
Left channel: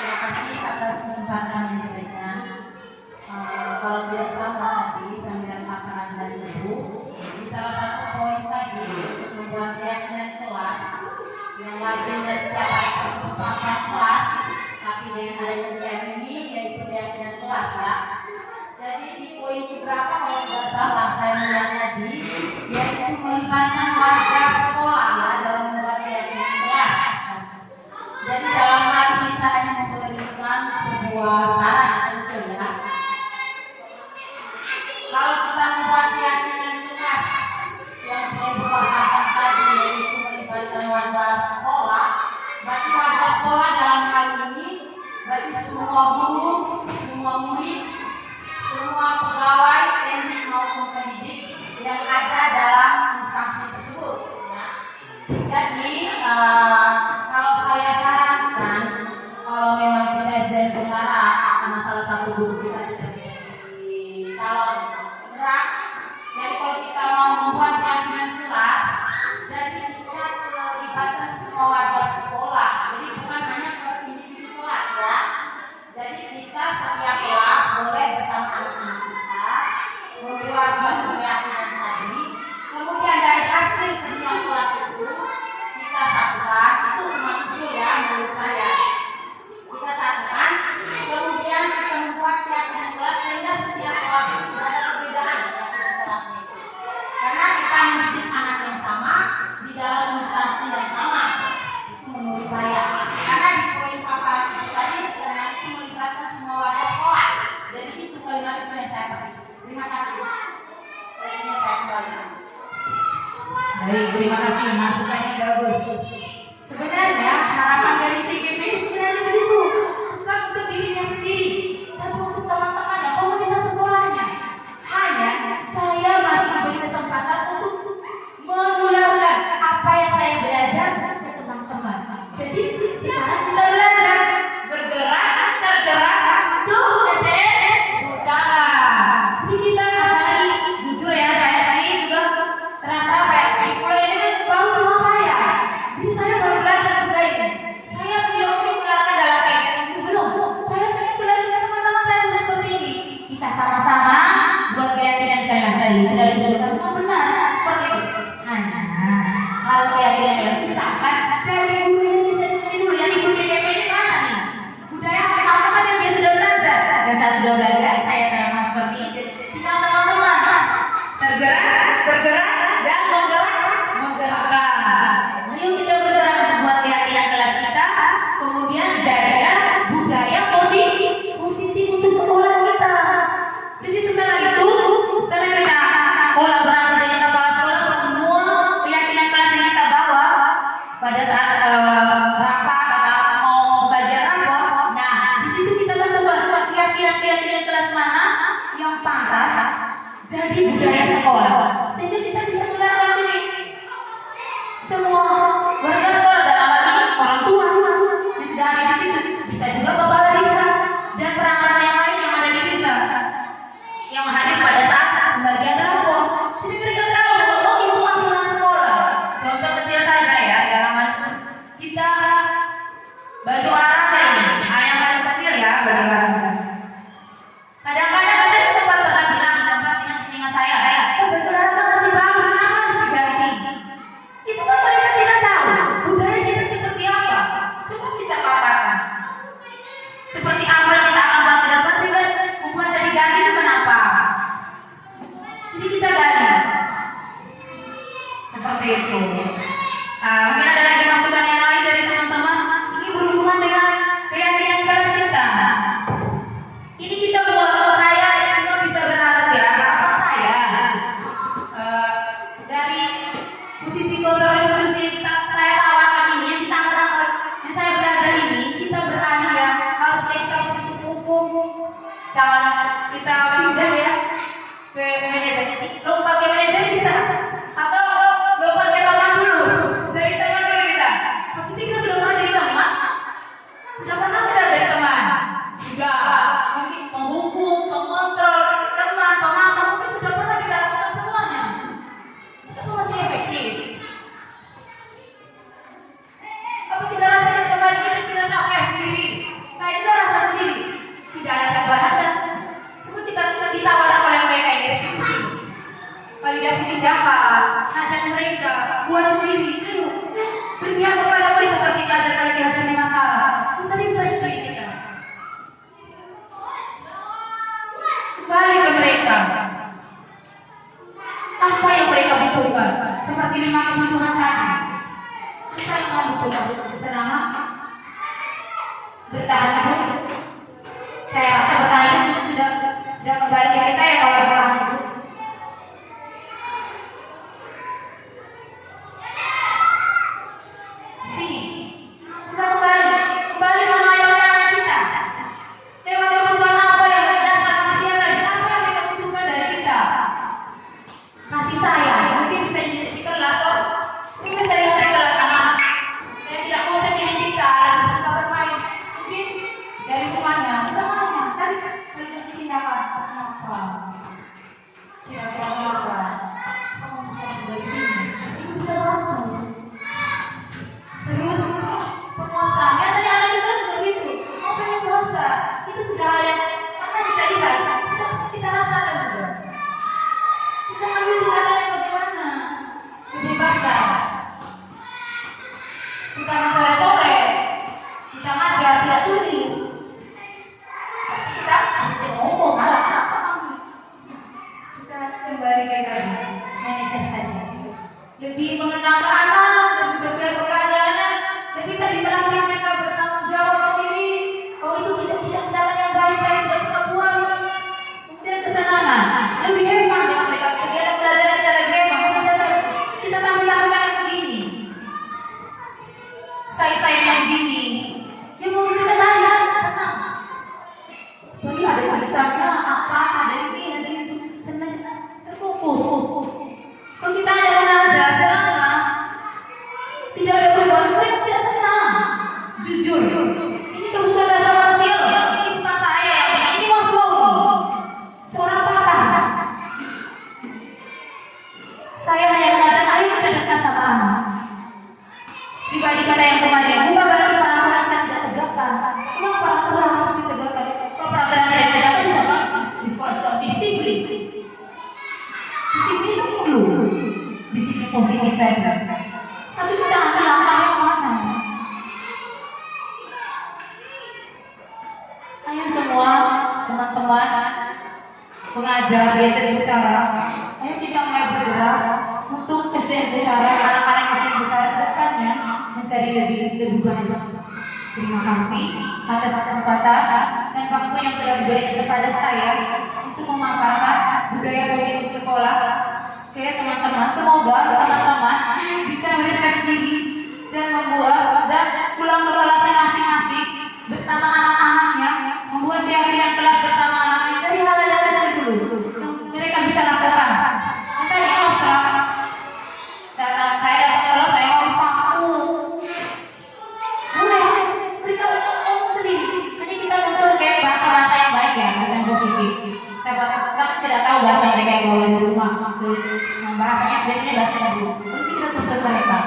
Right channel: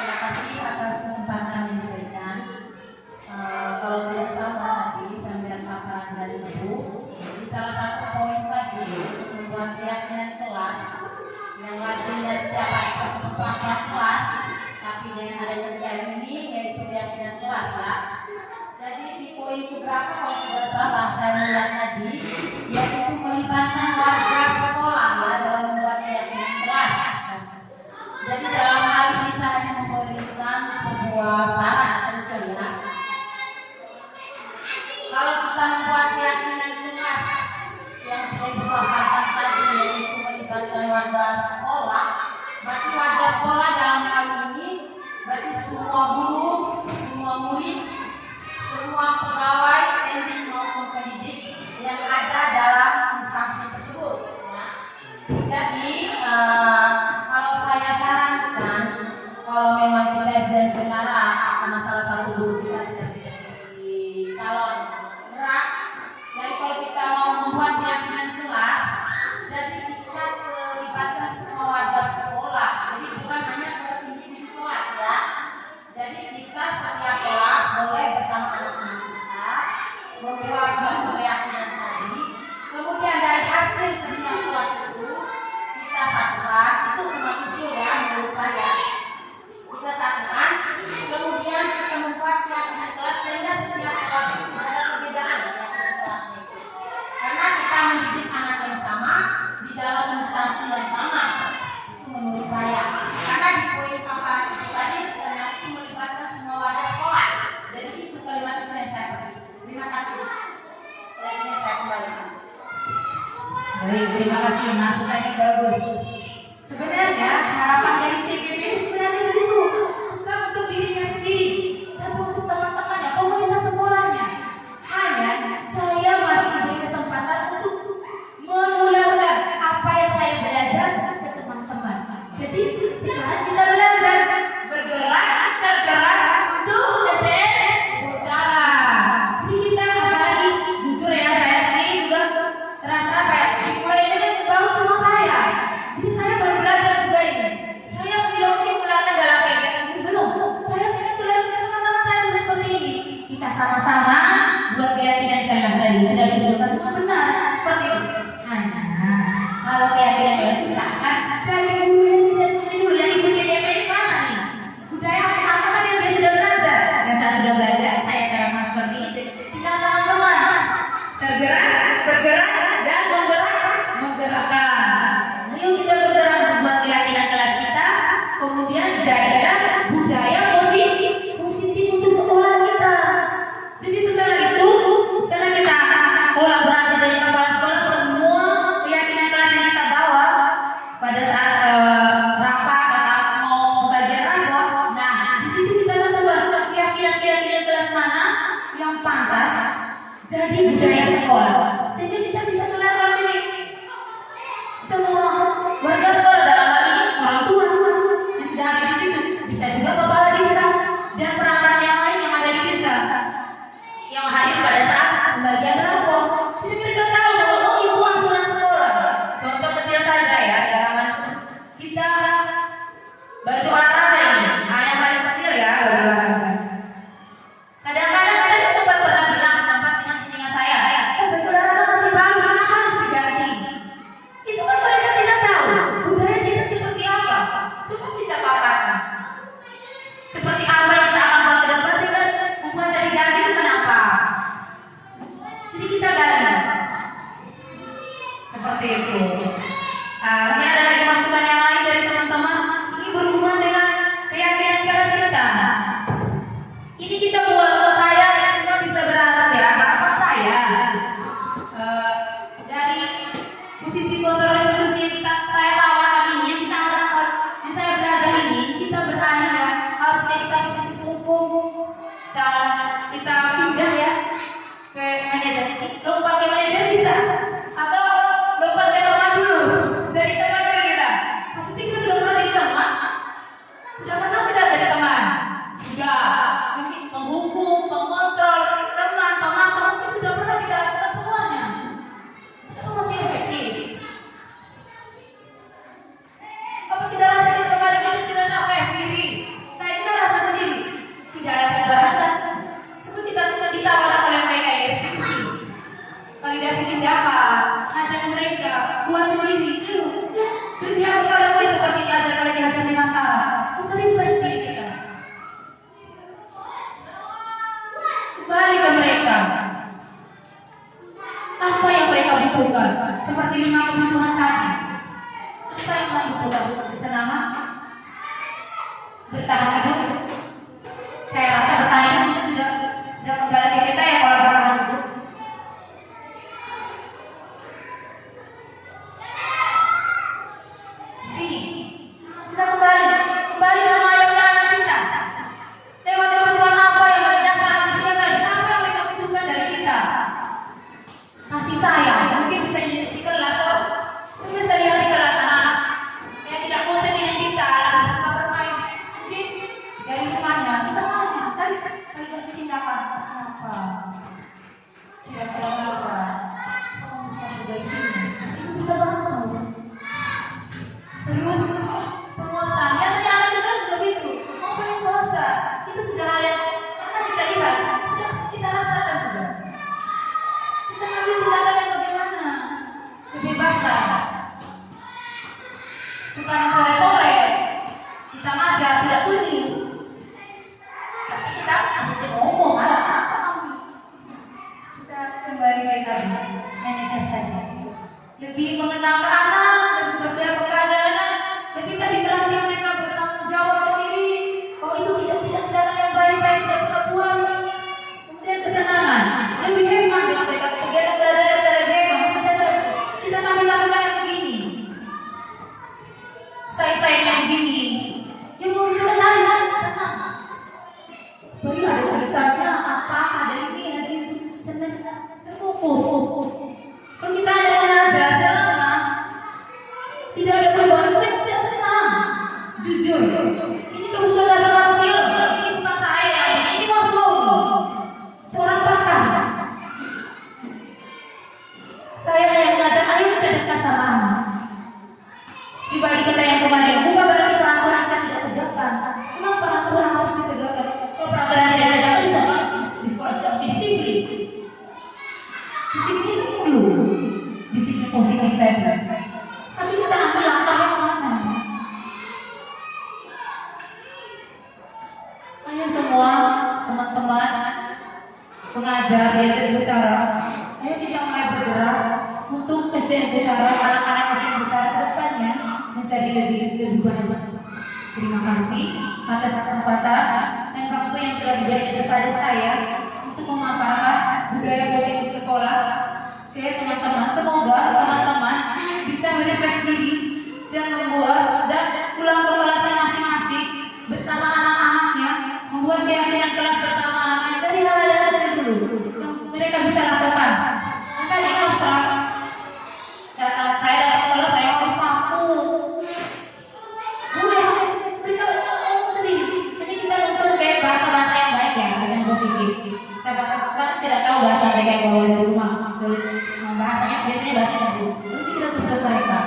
Terima kasih atas kesempatan yang diberikan. Kalau tidak salah tadi saya melihat paparan dari Ibu, di salah satu poin tadi untuk membuat keyakinan kelas yang wajibnya setiap hari kesempatan kelas, tapi dengan adanya ini yaitu keyakinan kelas ya. Jadi di poin berapa kalau tidak salah saya melihat tadi, yaitu melibatkan warga sekolah ya dalam membuat keyakinan kelas. Jadi dalam hal ini saya hanya memberikan sebuah saran atau usul ya. Kalau kita membuat keyakinan kelas yang saya berkata tadi yaitu melibatkan warga sekolah, berarti warga sekolah dalam hal ini berarti semua guru, semua murid, semua pegawai, pendidik maupun pendidik yang ada dalam instansi tersebut. Ya. Jadi kalau saya sarankan, kalau memang kita sedang berharap karena salah satu guru kita sudah menjadi calon berat, jadi kalau kita mau membuat keyakinan kelas, jadi kita libatkan semua warga sekolah. Jadi bukan hanya ke individu kelas ya. Jadi kita setiap kelas boleh bersama anak-anak Baik, terima kasih masukannya bagus. Sebenarnya harapan dari CGP ini sebenarnya begitu, bukan untuk dirinya sendiri, tapi untuk teman-temannya, komunitas sekolahnya. Hanya saya masih diberi kesempatan untuk menularkan apa yang saya belajar ke teman-teman. Jadi sekarang kita belajar bergerak, tergerak untuk SDM Utara. Jadi kita apalagi jujur ya, saya tadi juga terasa kayak sekolah ini kan baru sama saya. Jadi saya baru belajar juga ini. Saya tidak mungkin menularkan dalam kegiatan itu belum. Saya pengen belajar dengan teman-teman saya dulu seperti ini. Kita sama-sama buat keyakinan kita sendiri. Sudah disebutkan semua benar seperti itu. Hanya kalau keyakinan yang susah kan dari gurunya kita sendiri dulu yang ikut CGP di mana nih? Budaya apa saja yang dia sudah belajar? Yang saya sudah belajar, saya memang seperti itu. Tinggal teman-teman tergerak, bergerak dan menggerakkan. Mari kita bergerak untuk buat keyakinan kelas kita, kemudian jadikan budaya positif untuk sekolah kita. Jadi setelah itu, setelah kita kolaborasi dengan kepala sekolah, semua keyakinan kelas yang kita bawa pada saat rapat atau mau belajar rapor, nah di situ kita tentukan keyakinan kelas mana yang pantas jadi budaya sekolah, sehingga kita bisa melarang ini semua warga sekolah, dalam hal ini orang tua yang sudah ada di situ, bisa juga kepala desa dan perangkat yang lain yang ada di desa yang hadir pada saat pembagian rapor. Jadi mereka tahu bahwa oh itu aturan sekolah. Contoh kecil saja ya, dalam hal kita baju olahraga ini, yang paling kecil ya baju olahraga. Kadang-kadang ada yang sempat pernah bilang sempat dengan saya, baju olahraga masih baru, kenapa harus diganti? Itu kan mereka tidak tahu budaya kita seperti apa. Coba kita paparkan. Seperti apa yang kita akan buat ke depan, dengan membuat jadi ganti itu kenapa? Jadi kita ganti. Seperti itu. Mungkin ada lagi masukan yang lain dari teman-teman. Ini berhubungan dengan keyakinan kelas kita. Ini kita buat saya dan semua bisa berharap ya. Harapan saya dari posisi kontrol yang saya tawarkan ini, yang saya belajar ini, kita berani ya. Harus kita posisi hukum. Jangan kita pindah ya ke manajer. Lompat ke manajer bisa, atau lompat ke teman dulu. Dari teman dulu kita. Posisi kita sudah pernah jadi teman. Sudah pernah tidak jadi teman? Sudah. Mungkin penghukum, pengontrol, teman, pemantau, mungkin sudah pernah kita lakukan semuanya. Itu masih efektif. Apa tidak rasa di kembali kita capek sendiri? Saya juga rasa sendiri. Tidak ada perubahan kan? Seperti kita ditawarkan oleh mereka yang diskusi. Validasi tindakan, ajak mereka buat sendiri. Berpihak kepada gue seperti ajaran di Hajar Nusantara. Kita refresh diri kita. Kembali ke mereka. Apa yang mereka butuhkan? Seperti 5 kebutuhan tadi. Apa yang kamu butuhkan? Senang, bertahan hidup. Saya rasa bertahan hidup sudah kembali ke kita ya kalau bertahan hidup. Sini, udah kembali mengayomi anak kita. Lewat kebutuhan apa yang berdasarkan usia tadi? Apa yang mereka butuhkan dari kita? Kasih sayang, mungkin bisa di kelas, mungkin bisa di kelas anak yang tidak konsen dengan kita, suka bermain. Mungkin dari rumahnya kita sama kan validasi tindakan. Kenapa? Tidak apa-apa. Kamu bisa sudah ini, itu bisa bantu. Terus puasa, biasanya anak kita juga begitu. Mau pengen puasa, itu sudah hal yang pernah kita lihat, sudah kita rasakan juga. Kita ambil tindakan yang bagaimana? Kebebasan. Bukan sore-sore, kita ngajar tidak tulis. Kita asli ngomong, apa kamu? Kita kembali ke tadi, manajer saja. Lebih mengenal anak, lebih berpihak kepada anak, lebih tadi melatih mereka bertanggung jawab sendiri. Oh itu tidak tindakan yang baik, saya tidak pernah buat. Kemudian kesenangan, lebih hemat dengan mereka. Kegiatan belajar kita lebih hemat. Kita tambah positif tadi. Tapi kita ambil langkah yang mana? Ayo semua teman-teman pengajar di SD Utara, ayo kita mulai bergerak untuk SD Utara, anak-anak SD Utara ke depannya menjadi lebih baik. Terima kasih atas kesempatan dan waktu yang telah diberikan kepada saya untuk memaparkan budaya positif sekolah. Oke teman-teman, semoga teman-teman bisa merefresh diri dan membuat dan pulang ke kelasnya masing-masing bersama anak-anaknya, membuat keyakinan kelas bersama anaknya dari hal-hal yang kecil dulu yang mereka bisa lakukan. Maka di kelas saya datang kalau saya mau disapu, beritahu ngomong sendiri. Jadi kita bentuk kayak bahasa-bahasa yang baik ya, bahasa yang positif. Saya tidak tahu bahasa mereka yang bawa di rumah. Bahasanya biasanya bahasa baru. Terus kita bentuk mereka.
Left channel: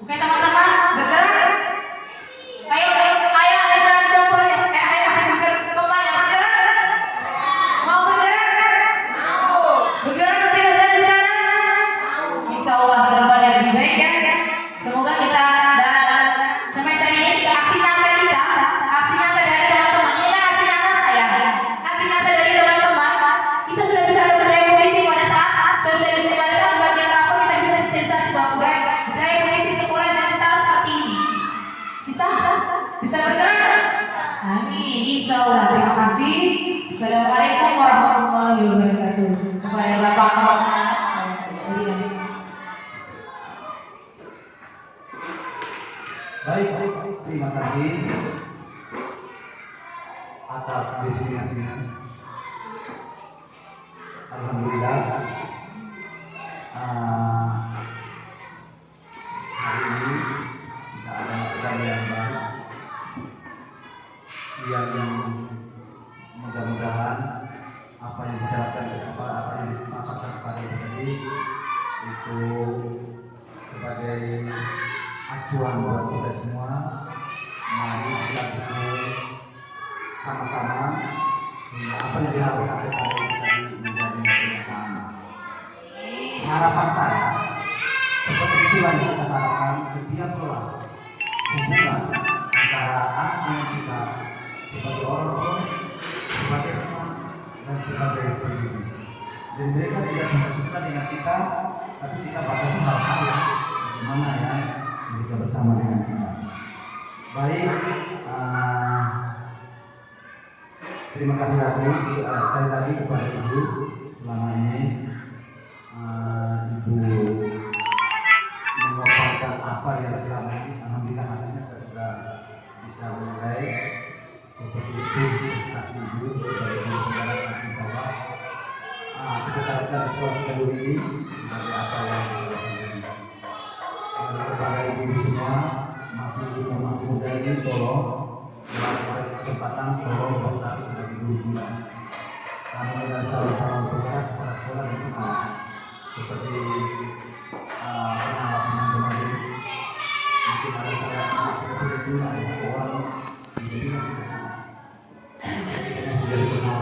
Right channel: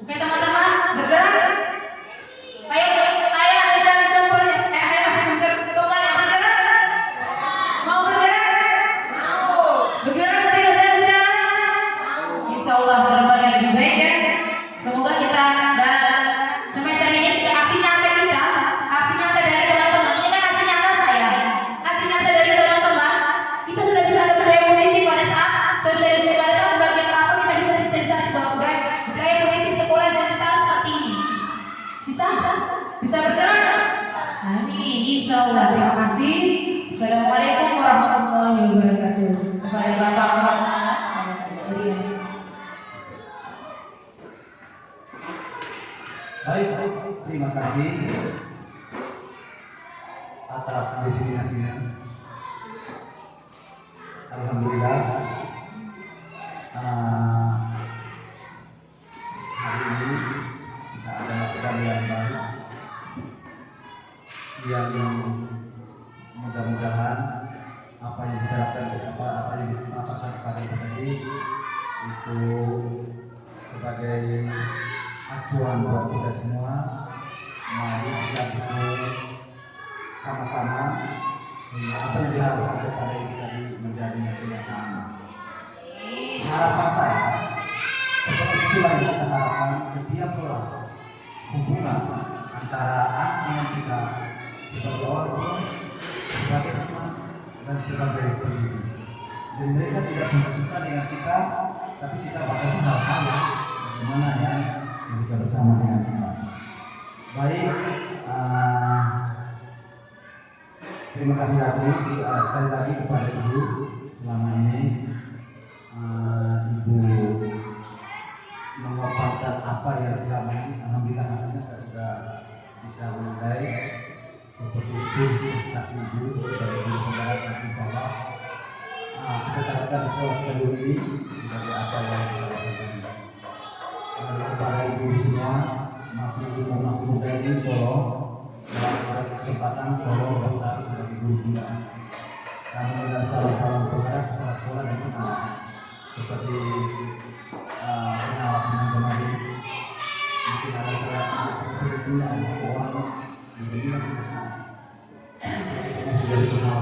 Oke teman-teman, bergerak. Ayo ada jalan jempol. Ayo kemana bergerak? Mau bergerak? Mau. Bergerak ke tidak bergerak? Insya Allah kedepannya lebih baik ya. Semoga kita dan semester ini aksi nyata kita, aksi nyata dari teman-teman. Ini kan aksi nyata saya, aksi nyata dari teman-teman. Kita sudah bisa budaya positif pada saat sosialisasi pada saat bagian rapor kita bisa sensasi bahwa budaya positif sekolah dan kita seperti ini. Bisa bergerak. Amin. Insya Allah. Terima kasih. Assalamualaikum warahmatullahi wabarakatuh. Kepada Bapak Muhammad. Baik, terima kasih atas destinasinya. Alhamdulillah, hari ini kita ada masukan yang baru yang mudah-mudahan apa yang diterapkan apa yang dimaparkan kepada kita tadi itu sebagai acuan buat kita semua. Mari kita betul sama-sama apa yang diharapkan kepada kita tadi menjadi kenyataan. Harapan saya seperti itulah yang kita harapkan setiap kelas hubungan antara anak dengan kita sebagai orang tua, sebagai teman dan sebagai pendidik. Dan mereka tidak suka dengan kita, tapi kita batasi hal-hal yang bagaimana ya mereka bersama dengan kita. Baik, terima kasih lagi sekali lagi kepada Ibu selama ini. Ibu memaparkan apa yang selama ini, alhamdulillah hasilnya saya sudah bisa menilai seperti itu prestasi Ibu dari Ibu Penggarap dan insya Allah kita harapkan sekolah kita dulu ini sebagai apa yang kita lakukan. Kepada ibu semua masih muda ini tolong dalam kesempatan tolong daftar sebagai guru kita. Kami adalah calon penggarap kepala sekolah dan pengawas seperti pengawas teman-teman mungkin ada salah seperti itu ada sekolah jadi kita sudah dikenal